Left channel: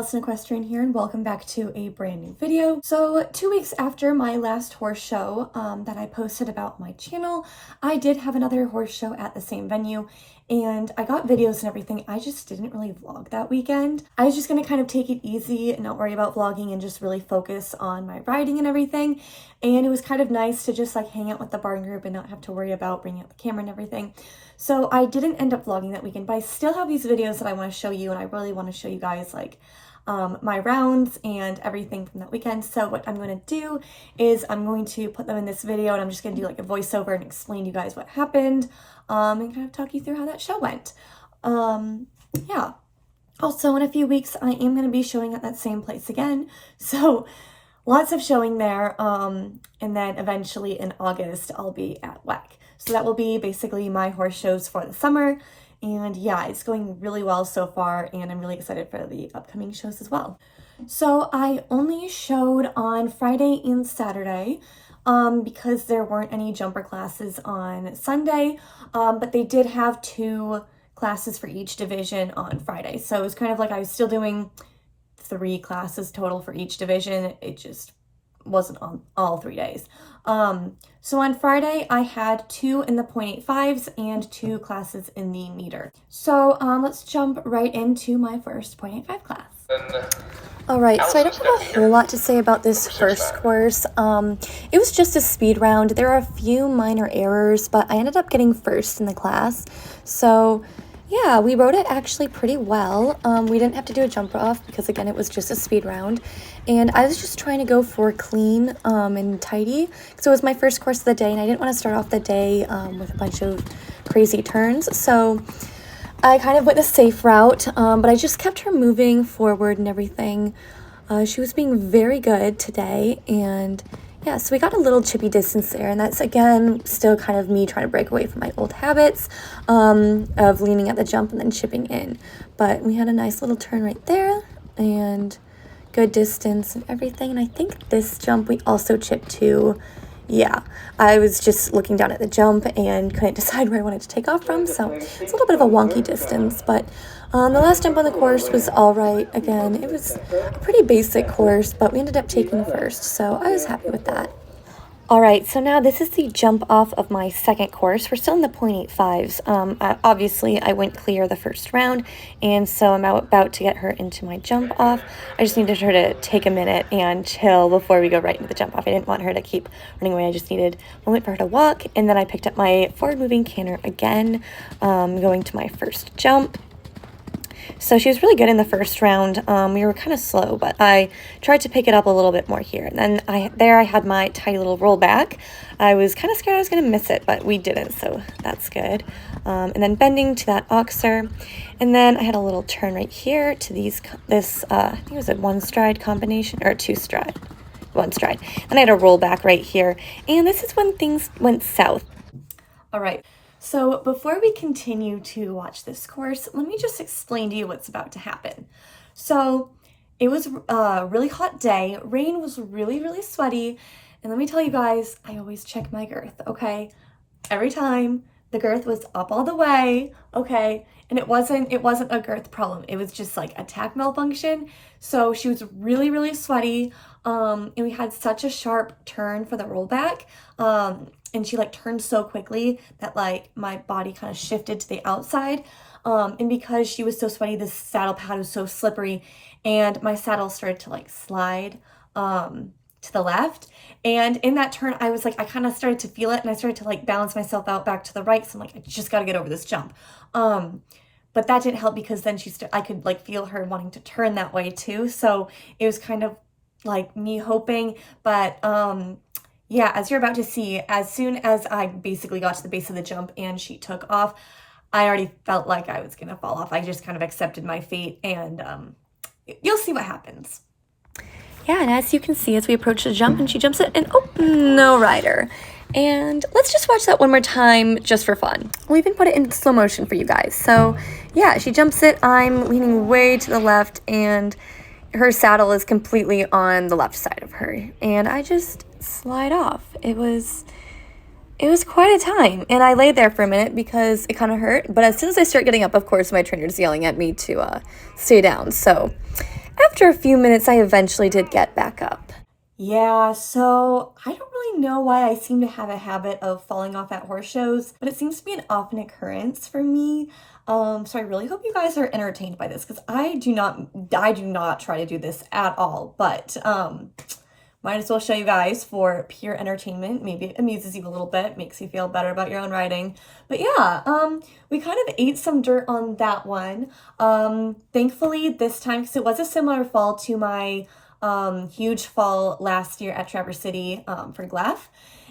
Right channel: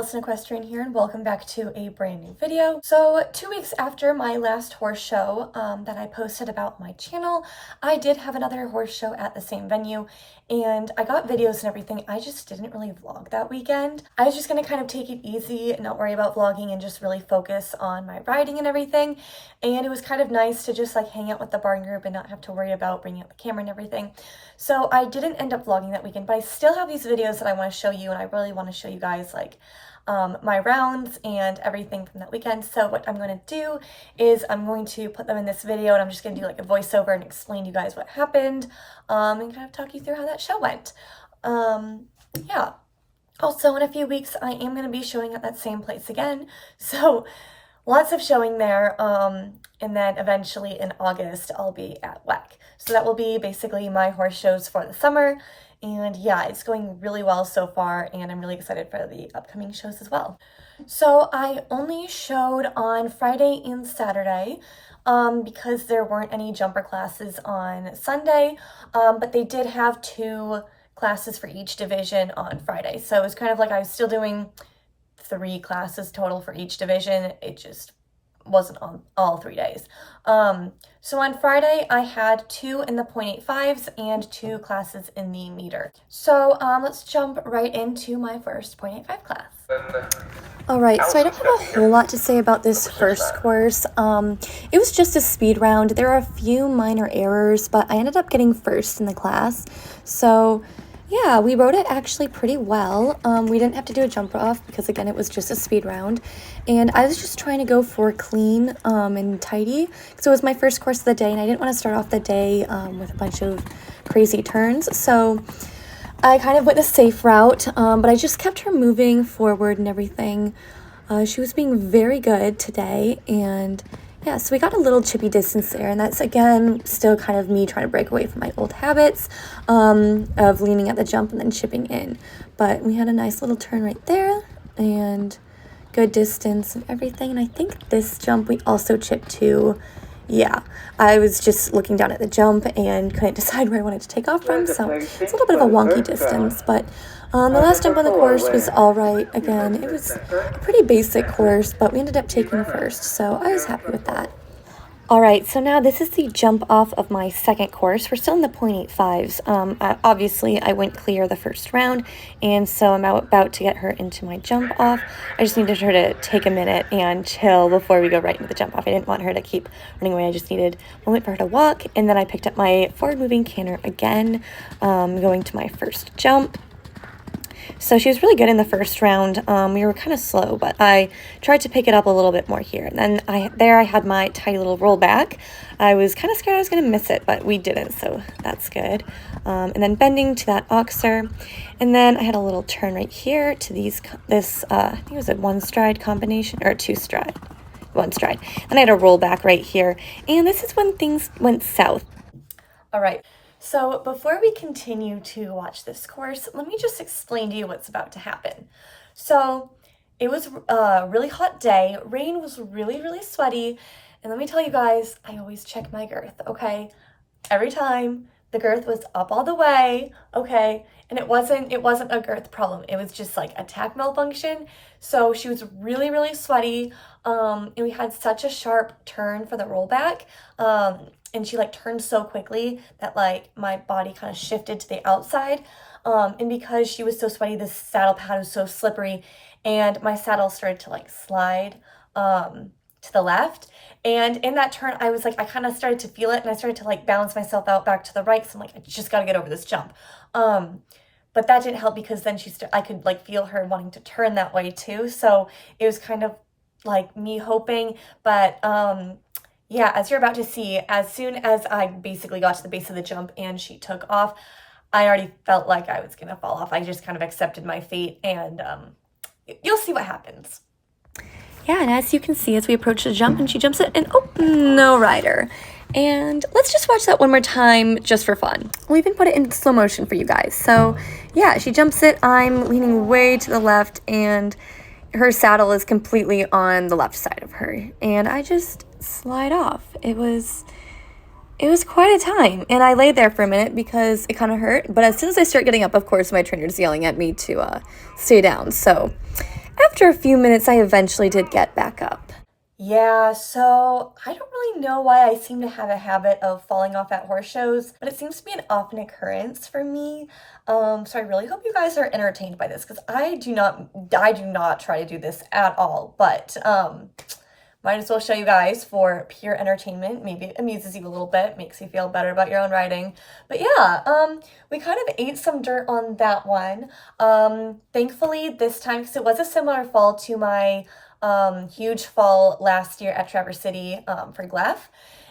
Allison Equestrian here, and welcome back to a brand new video. So 2 weeks after my last horse show that I posted about my channel, I did have another horse show at the same venue, and I got videos and everything. I just didn't really vlog that weekend. I was just gonna kind of take it easy and not worry about vlogging and just really focus on my riding and everything. And it was kind of nice to just like hang out with the barn group and not have to worry about bringing out the camera and everything. So I didn't end up vlogging that weekend, but I still have these videos that I want to show you, and I really want to show you guys like my rounds and everything from that weekend. So what I'm going to do is I'm going to put them in this video, and I'm just going to do like a voiceover and explain to you guys what happened and kind of talk you through how that show went. Yeah. Also, in a few weeks, I am going to be showing at that same place again. So lots of showing there. And then eventually in August, I'll be at WEC. So that will be basically my horse shows for the summer. And yeah, it's going really well so far, and I'm really excited for the upcoming shows as well. So I only showed on Friday and Saturday because there weren't any jumper classes on Sunday, but they did have 2 classes for each division on Friday. So it was kind of like I was still doing 3 classes total for each division. It just wasn't on all 3 days. So on Friday I had 2 in the 0.85s and 2 classes in the meter. So let's jump right into my first 0.85 class. Alright, so I don't have a whole lot to say about this first course. It was just a speed round. There are a few minor errors, but I ended up getting first in the class. So yeah, we rode it actually pretty well. We didn't have to do a jumper off because, again, it was just a speed round. And I was just trying to go for clean and tidy. So it was my first course of the day, and I didn't want to start off the day with a bunch of crazy turns. So I kind of went a safe route, but I just kept her moving forward and everything. She was being very good today, and yeah, so we got a little chippy distance there, and that's, again, still kind of me trying to break away from my old habits of leaning at the jump and then chipping in. But we had a nice little turn right there, and good distance and everything. And I think this jump we also chipped to. Yeah, I was just looking down at the jump and couldn't decide where I wanted to take off from, so it's a little bit of a wonky distance, but the last jump on the course was all right. Again, it was a pretty basic course, but we ended up taking first, so I was happy with that. All right, so now this is the jump off of my second course. We're still in the 0.85s. Obviously, I went clear the first round, and so I'm about to get her into my jump off. I just needed her to take a minute and chill before we go right into the jump off. I didn't want her to keep running away. I just needed a moment for her to walk, and then I picked up my forward moving canter again, going to my first jump. So she was really good in the first round. We were kind of slow, but I tried to pick it up a little bit more here. And then I had my tiny little rollback. I was kind of scared I was going to miss it, but we didn't, so that's good. And then bending to that oxer. And then I had a little turn right here to this, I think it was a 1-stride combination, or 2-stride. 1-stride. And I had a rollback right here. And this is when things went south. All right. So before we continue to watch this course, let me just explain to you what's about to happen. So it was a really hot day. Rain was really, really sweaty. And let me tell you guys, I always check my girth, okay? Every time the girth was up all the way, okay? And it wasn't a girth problem. It was just like a tack malfunction. So she was really, really sweaty. And we had such a sharp turn for the rollback. And she like turned so quickly that like my body kind of shifted to the outside. And because she was so sweaty, the saddle pad was so slippery, and my saddle started to like slide to the left. And in that turn, I was like, I kind of started to feel it, and I started to like balance myself out back to the right. So I'm like, I just got to get over this jump. But that didn't help because then I could like feel her wanting to turn that way too. So it was kind of like me hoping, but yeah, as you're about to see, as soon as I basically got to the base of the jump and she took off, I already felt like I was going to fall off. I just kind of accepted my fate, and you'll see what happens. Yeah, and as you can see, as we approach the jump and she jumps it, and oh, no rider. And let's just watch that one more time just for fun. We'll even put it in slow motion for you guys. So yeah, she jumps it. I'm leaning way to the left, and her saddle is completely on the left side of her. And I just slide off. It was quite a time, and I lay there for a minute because it kind of hurt, but as soon as I start getting up, of course, my trainer's yelling at me to stay down. So After a few minutes, I eventually did get back up. Yeah, so I don't really know why I seem to have a habit of falling off at horse shows, but it seems to be an often occurrence for me. So I really hope you guys are entertained by this because I do not try to do this at all, but might as well show you guys for pure entertainment. Maybe it amuses you a little bit, makes you feel better about your own riding. But yeah, we kind of ate some dirt on that one. Thankfully this time, because it was a similar fall to my huge fall last year at Traverse City for Gleph.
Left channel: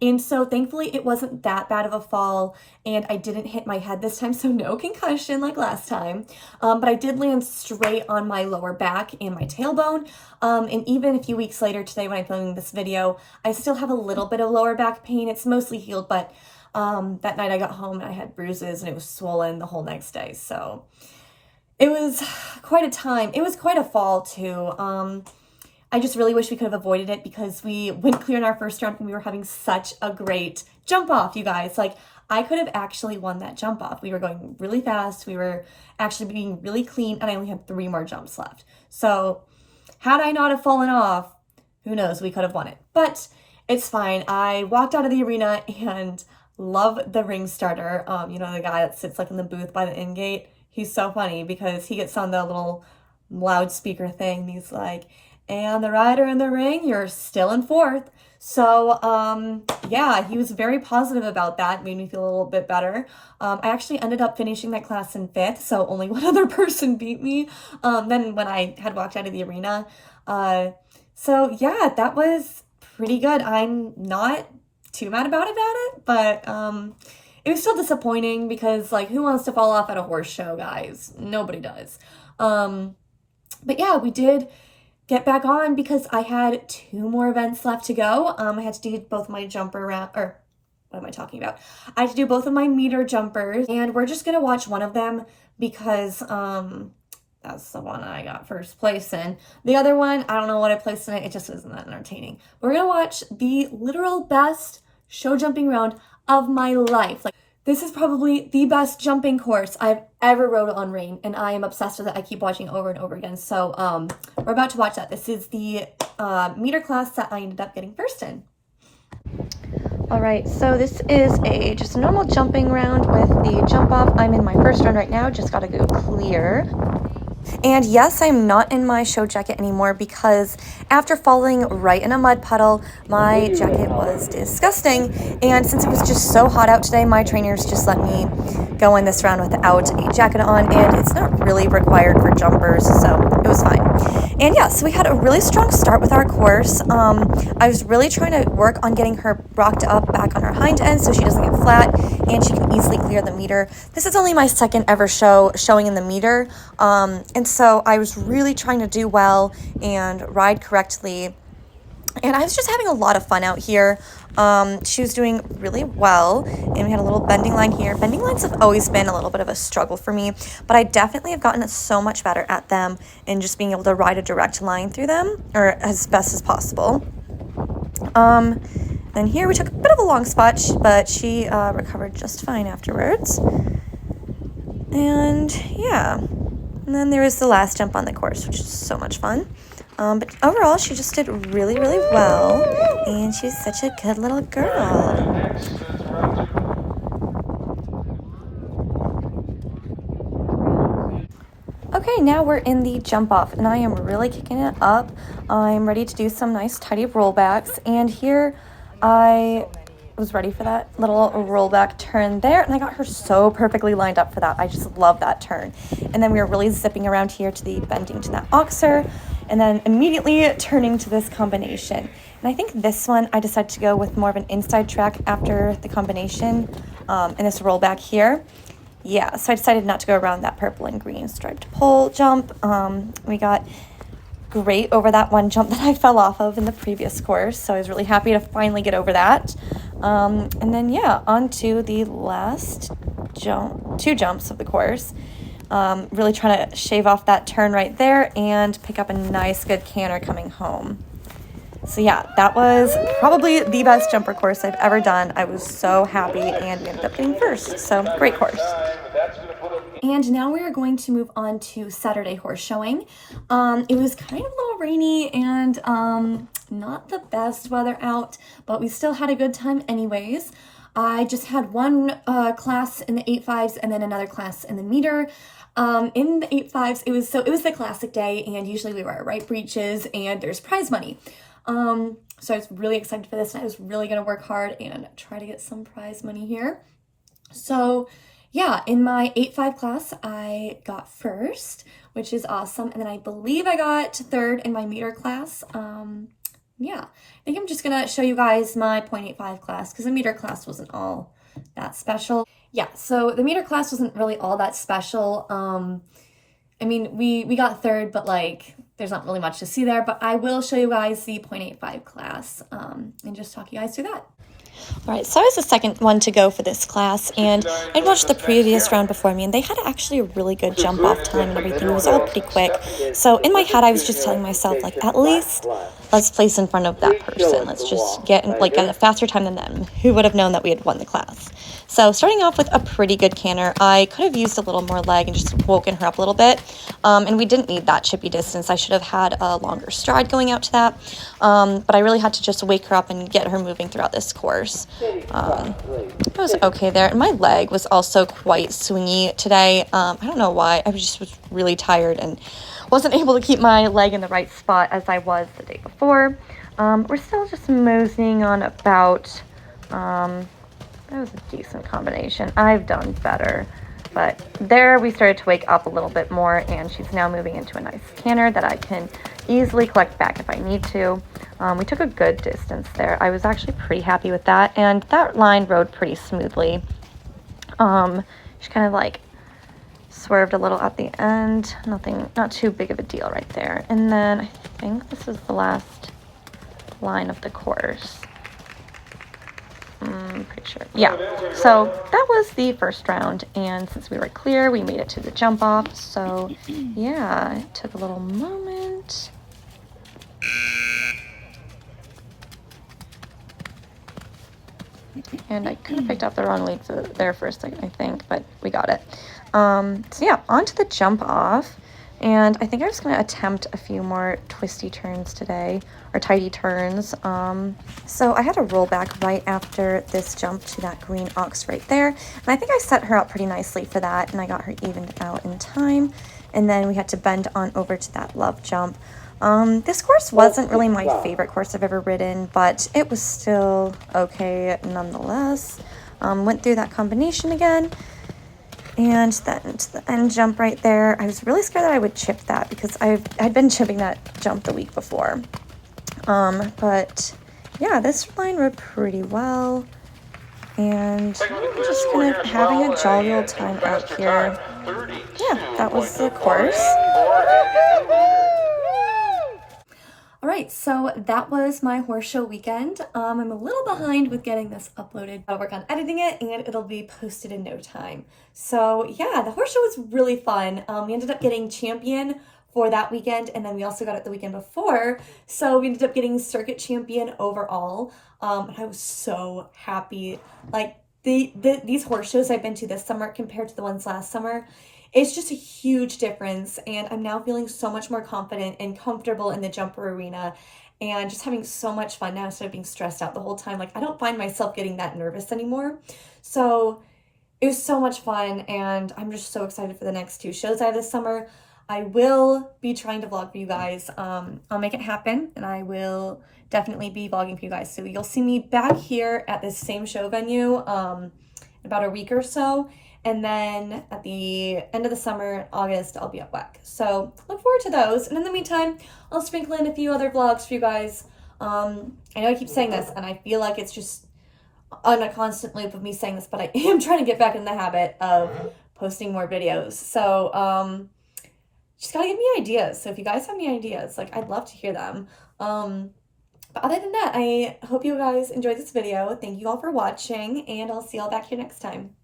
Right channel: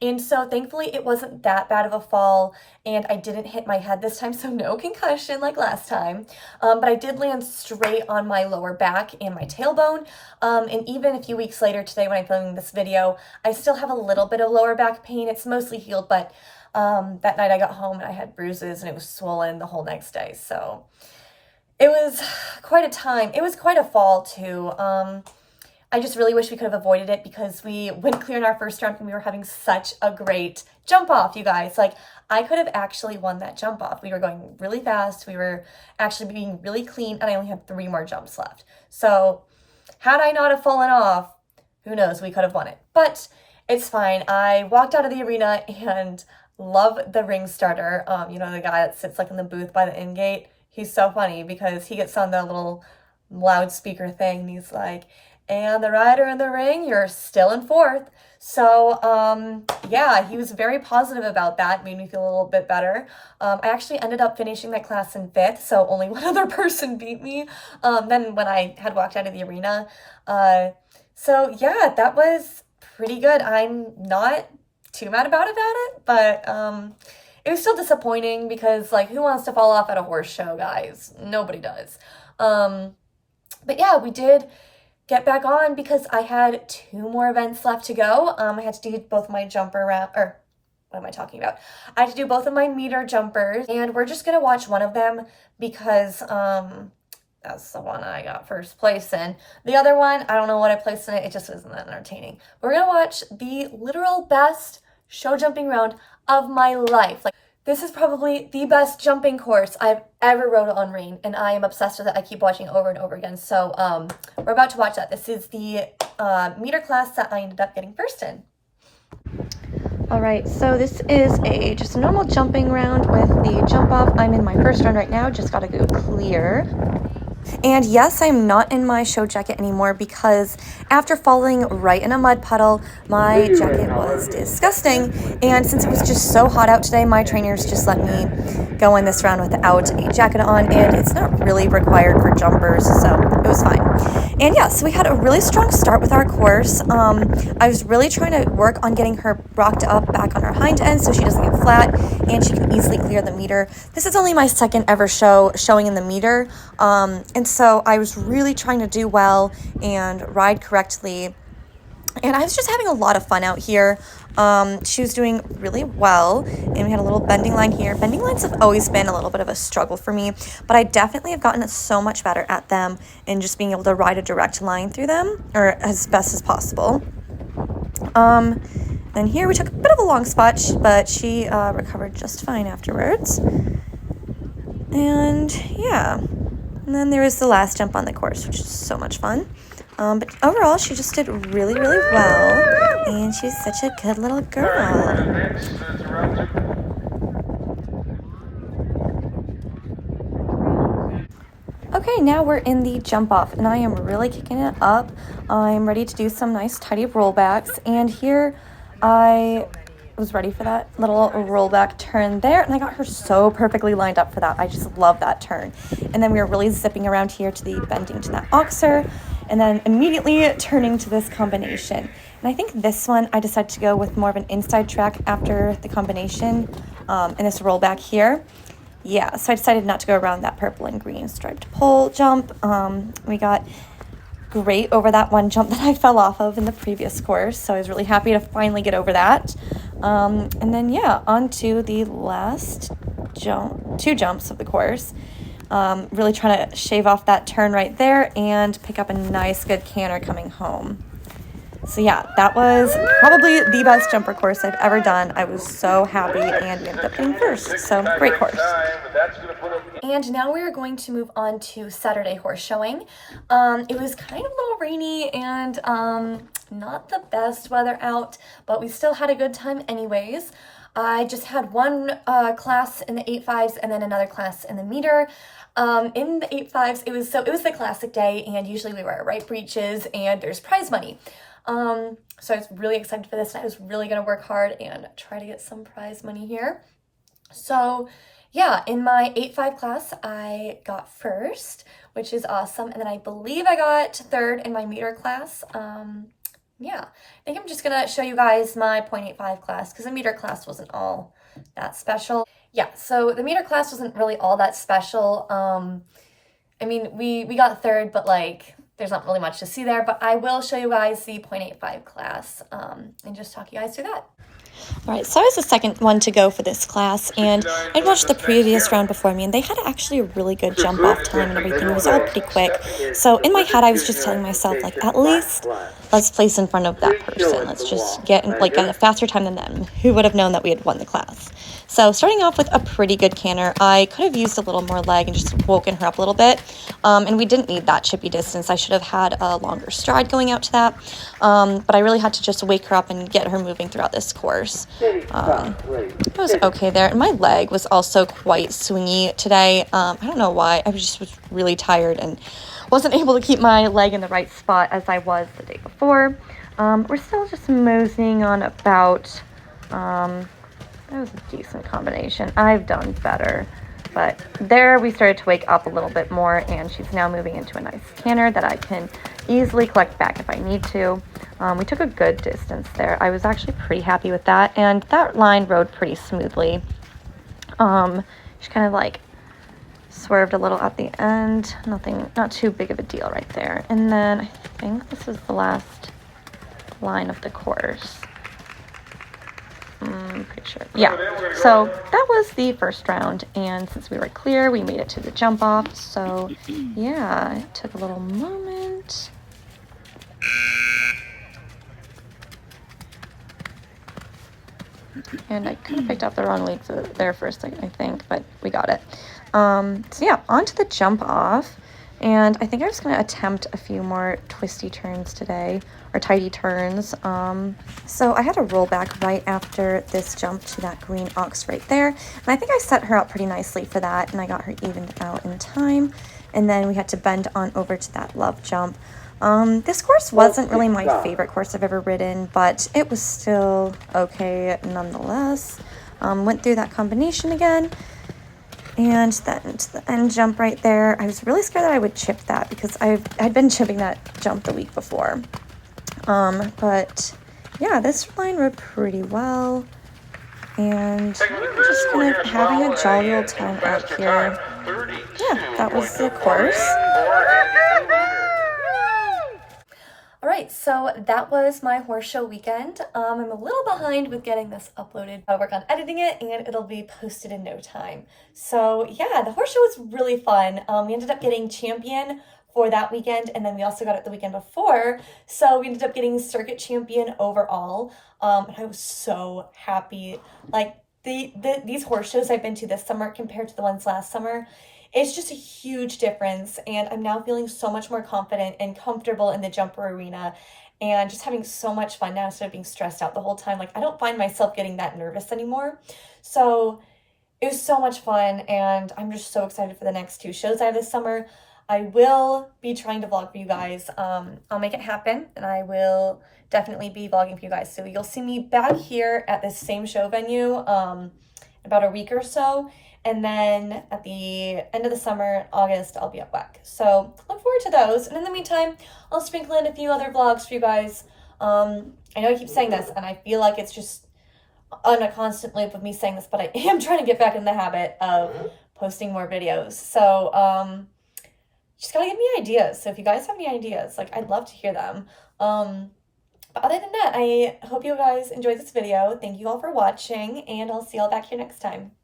And so thankfully it wasn't that bad of a fall and I didn't hit my head this time, so no concussion like last time. But I did land straight on my lower back and my tailbone. And even a few weeks later today when I'm filming this video, I still have a little bit of lower back pain. It's mostly healed, but that night I got home and I had bruises and it was swollen the whole next day. So it was quite a time. It was quite a fall too. I just really wish we could have avoided it because we went clear in our first round and we were having such a great jump off, you guys. Like, I could have actually won that jump off. We were going really fast. We were actually being really clean and I only had 3 more jumps left. So had I not have fallen off, who knows, we could have won it. But it's fine. I walked out of the arena and love the ring starter. You know, the guy that sits like in the booth by the in gate. He's so funny because he gets on the little loudspeaker thing and he's like, and the rider in the ring, you're still in 4th. So, yeah, he was very positive about that. Made me feel a little bit better. I actually ended up finishing that class in 5th, so only one other person beat me then when I had walked out of the arena. So, yeah, that was pretty good. I'm not too mad about it, but it was still disappointing because, like, who wants to fall off at a horse show, guys? Nobody does. But, yeah, we did get back on because I had 2 more events left to go. I had to do both my jumper round, or what am I talking about? I had to do both of my meter jumpers, and we're just gonna watch one of them because that's the one I got first place in. The other one, I don't know what I placed in it. It just wasn't that entertaining. We're gonna watch the literal best show jumping round of my life. Like, this is probably the best jumping course I've ever rode on Rain, and I am obsessed with it. I keep watching it over and over again. So we're about to watch that. This is the meter class that I ended up getting first in. All right, so this is just a normal jumping round with the jump off. I'm in my first round right now, just gotta go clear. And yes, I'm not in my show jacket anymore because after falling right in a mud puddle, my jacket was disgusting. And since it was just so hot out today, my trainers just let me go in this round without a jacket on, and it's not really required for jumpers, so it was fine. And yeah, so we had a really strong start with our course. I was really trying to work on getting her rocked up back on her hind end so she doesn't get flat and she can easily clear the meter. This is only my second ever showing in the meter. And so I was really trying to do well and ride correctly. And I was just having a lot of fun out here. She was doing really well, and we had a little bending line here. Bending lines have always been a little bit of a struggle for me, but I definitely have gotten so much better at them and just being able to ride a direct line through them, or as best as possible. Then here we took a bit of a long spot, but she recovered just fine afterwards. And yeah, and then there was the last jump on the course, which is so much fun. But overall, she just did really, really well, and she's such a good little girl. Okay, now we're in the jump off, and I am really kicking it up. I'm ready to do some nice tidy rollbacks, and here I was ready for that little rollback turn there, and I got her so perfectly lined up for that. I just love that turn. And then we were really zipping around here to the bending to that oxer, and then immediately turning to this combination. And I think this one I decided to go with more of an inside track after the combination and this rollback here. Yeah, so I decided not to go around that purple and green striped pole jump. We got great over that one jump that I fell off of in the previous course, so I was really happy to finally get over that. And then yeah, on to the last two jumps of the course. Really trying to shave off that turn right there and pick up a nice good canter coming home. So yeah, that was probably the best jumper course I've ever done. I was so happy, and we ended up getting first, so great course. And now we are going to move on to Saturday horse showing. It was kind of a little rainy and not the best weather out, but we still had a good time anyways. I just had one class in the 8.5s and then another class in the meter. In the 8.5s, it was the classic day, and usually we wear right breeches and there's prize money. So I was really excited for this, and I was really gonna work hard and try to get some prize money here. So yeah, in my 8.5 class, I got first, which is awesome. And then I believe I got third in my meter class. Yeah, I think I'm just gonna show you guys my 0.85 class because the meter class wasn't all that special. Yeah, so the meter class wasn't really all that special. I mean, we got third, but like, there's not really much to see there, but I will show you guys the 0.85 class and just talk you guys through that. All right, so I was the second one to go for this class, and I'd watched the previous round before me, and they had actually a really good jump off time and everything. It was all pretty quick. So in my head, I was just telling myself, like, at least let's place in front of that person. Let's just get a faster time than them. Who would have known that we had won the class? So starting off with a pretty good canter, I could have used a little more leg and just woken her up a little bit. And we didn't need that chippy distance. I should have had a longer stride going out to that. But I really had to just wake her up and get her moving throughout this course. It was okay there. And my leg was also quite swingy today. I don't know why. I was really tired and wasn't able to keep my leg in the right spot as I was the day before. We're still just moseying on about, that was a decent combination. I've done better, but there we started to wake up a little bit more, and she's now moving into a nice canter that I can easily collect back if I need to. We took a good distance there. I was actually pretty happy with that, and that line rode pretty smoothly. She kind of like swerved a little at the end. Not too big of a deal right there. And then I think this is the last line of the course. Pretty sure. Yeah. So that was the first round, and since we were clear, we made it to the jump off. So yeah, it took a little moment. And I kind of picked up the wrong lead there for a second, I think, but we got it. So yeah, on to the jump off. And I think I was going to attempt a few more twisty turns today, or tighty turns. So I had a roll back right after this jump to that green ox right there. And I think I set her up pretty nicely for that, and I got her evened out in time. And then we had to bend on over to that love jump. This course wasn't really my favorite course I've ever ridden, but it was still okay nonetheless. Went through that combination again. And then to the end jump right there. I was really scared that I would chip that because I'd been chipping that jump the week before. But yeah, this line rode pretty well. And I'm just kind of having a jolly old time out here. Yeah, that was the course. All right, so that was my horse show weekend. I'm a little behind with getting this uploaded. I'll work on editing it and it'll be posted in no time. So yeah, the horse show was really fun. We ended up getting champion for that weekend, and then we also got it the weekend before. So we ended up getting circuit champion overall. And I was so happy. Like these horse shows I've been to this summer compared to the ones last summer, it's just a huge difference, and I'm now feeling so much more confident and comfortable in the jumper arena and just having so much fun now instead of being stressed out the whole time. Like, I don't find myself getting that nervous anymore. So it was so much fun, and I'm just so excited for the next two shows I have this summer. I will be trying to vlog for you guys. I'll make it happen, and I will definitely be vlogging for you guys. So you'll see me back here at this same show venue in about a week or so. And then at the end of the summer, August, I'll be at WEC. So look forward to those. And in the meantime, I'll sprinkle in a few other vlogs for you guys. I know I keep saying this, and I feel like it's just on a constant loop of me saying this, but I am trying to get back in the habit of posting more videos. So just gotta give me ideas. So if you guys have any ideas, like, I'd love to hear them. But other than that, I hope you guys enjoyed this video. Thank you all for watching, and I'll see y'all back here next time.